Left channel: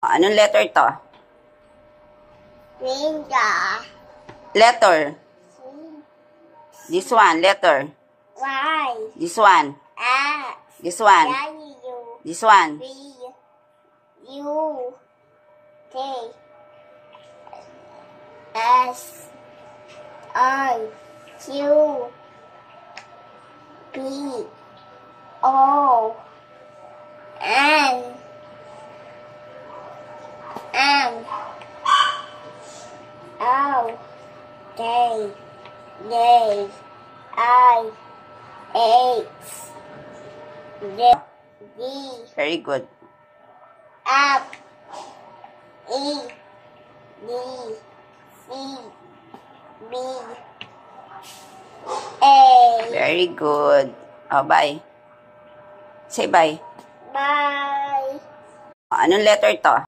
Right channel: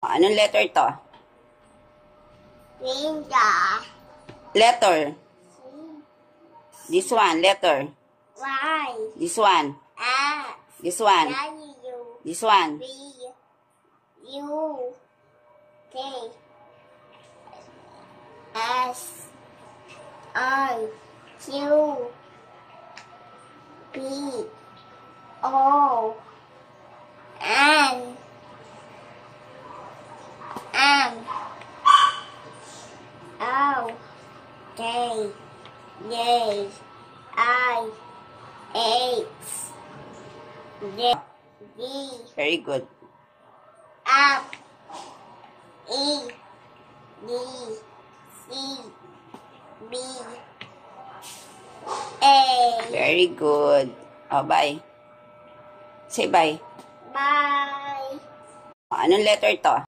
Anong letter to? Finger. Letter. This one, letter. Y. This one. X. This one. W. This one. V. U. K. S. I. Q. B. O. N. M. O. K. J. I. H. J. D. Very good. F. E. D. C. B. A. Very good. Oh, bye. Say bye. Bye. Anong letter to?